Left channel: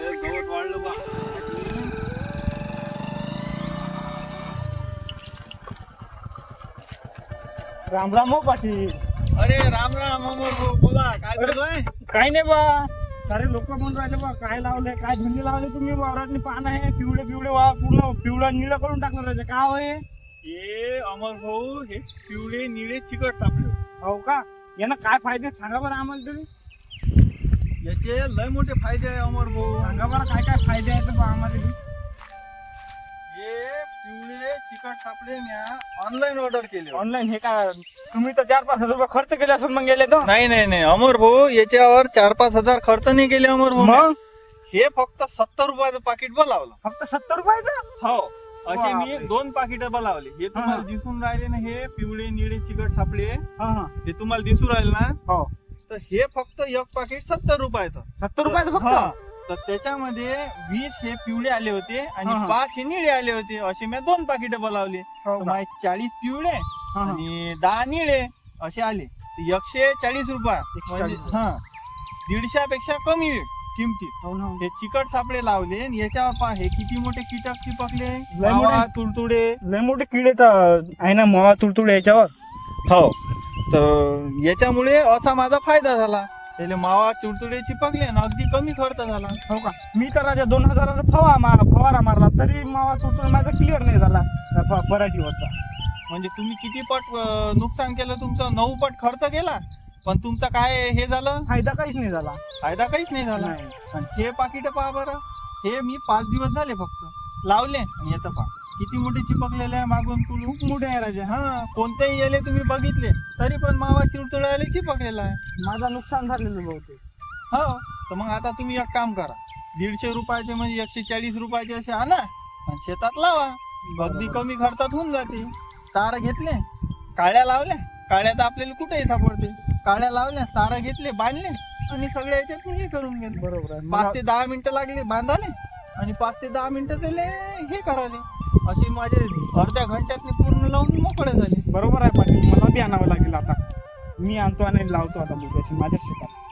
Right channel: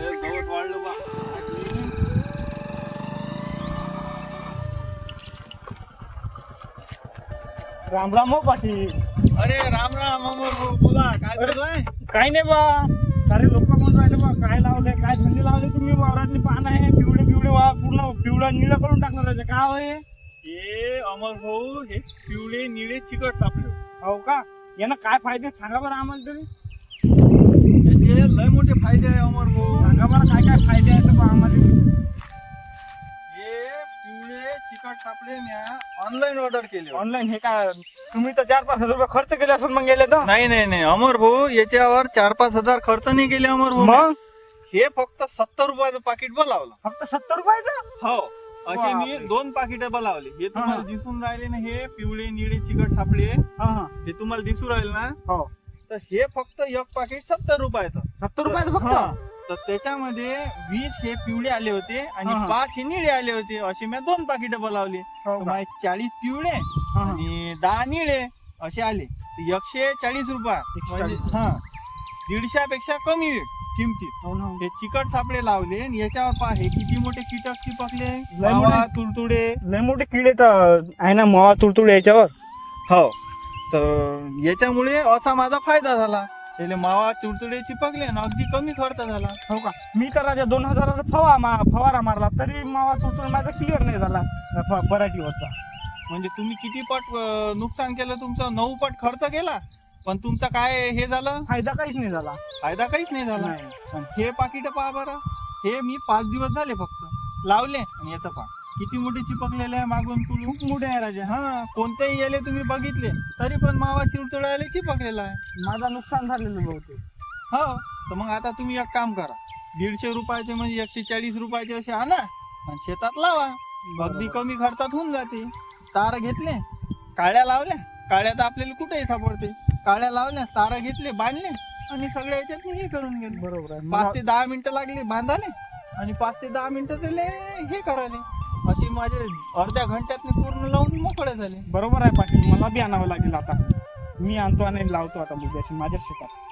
गवत वाढलं बा. राम राम हो पाटील. अरे राम राम अमर भाऊ, बोला काय चालू आहे? काही नाही बा. सारे लोक म्हणून राहिले बा, काय लावले, काय धंदे लावले तुम्ही वावरातली पान आहे पिवळे पिवळे वा पूर्ण पिवळा निळा करून टाकणार त्याचे काय होय? हे अमर भाऊ, हे पिवळे निळे चिकट सापडले. हो का? यानं काय फायदे सांगा बरं आम्हाला तरी. याचे लय मोठे फायदे आहे अमर भाऊ. सांगा बरं काय काय फायदे आहेत बा आम्हाला. हे पिवळे चिकट सापडे म्या ऑनलाईन ऑर्डर केले. ऑनलाईन हे काय तुम्ही तर 4-5 हजार रुपये खर्च केले असेल मग गेले तर. नाही नाही नाही अमर भाऊ, याच्यावर 4-5 हजार खर्च नाही केले अमर भाऊ. मग हे फक्त 70 रुपयाचं पाकिट बनवलं. फक्त 70 रुपयाचं. हो, असे मी बापरे. 2 पाकिट बनवले. हे तुम्हाला हा. दिसून राहिले ना, हे पिवळे निळे चिकट सापडे, हा हा हे तुम्हाला दिसून राहिले ना, हो तर हे फक्त एक पाकिट 70 रुपयाचं. 70 रुपयाचं हा. फक्त. तर त्याच्यामध्ये 20 हे पिवळे आले होते आणि हा. 5 हे निळे आले होते. असे मी 2 पाकिट बनवले. हो का? 40 पिवळे हा, हा. आणि 10 निळे असे आले. 140 रुपये. 140. हा, 150 पेक्षा कमी किमती. हो ना. हे चिकट सापडे लावले आणि याच्यावर पहा हे किती मोठे कीटक चिपकले. लय मोठे. मावा, तुडतुडे. लय मोठे किडे तर आहे ना मावा तुडतुड याच्यावर. हो, तर याच्यामुळे असा माझा फायदा झाला. त्याला मावा तुडतुडे चिपकले आणि अगदी कमी खर्च झाला. हो का? मी तर राजा 2000 फवारा मारला तरी मावा तुडतुड माझा क्लिअर नाही झाला पराठीवरचा. म्हणजे तुम्ही किती पट नुकसान केलं, तुमचं 9 पट खर्च केला, पण तुमचा काय हे झालं, फायदा काहीच नाही झाला. फायदा काहीच नाही झाला. नाही. आणि हे पाकिट पहा बरं, हे मी 5 दिवस झाले फक्त लावले आणि याचं पहा किती मोठे चिपकलेले आहे मागून तुळू. खूप मोठे आहे राजा. हा, कोणतेही याले तुम्ही बघितले तरी पण मावा चिडचिडायला चिपकलेला आहे. माझा नुकसान झालेलं बहुतेक. हो, तर मग आता तुम्ही एक काम करा, 150 रुपयाचे म्हणजे 140 रुपयाचे असे आणा आणि शेतात लावा. अगदी कमी खर्चात होऊन जाते. तार घेतले, काळ्या लावल्या, काळ्या तर आपल्याला कुठेही सापडते. काळ्या लावल्या, तारा घेतले, बांधले आणि सगळ्या याच्यात हे करून गेले. बरोबर आहे. 5 ते 10 मिनिटं लागले बांधाले आणि 5 ते 10 मिनिटं त्याले हे करायले. असे माझे अर्ध्या घंट्यात पूर्ण लावून मोकळे झाले. बरोबर आहे पाटील. मला बी आणावं लागेल आता. मी आणतो आणि लावतो आता बुद्याशी माझ्या शेतात.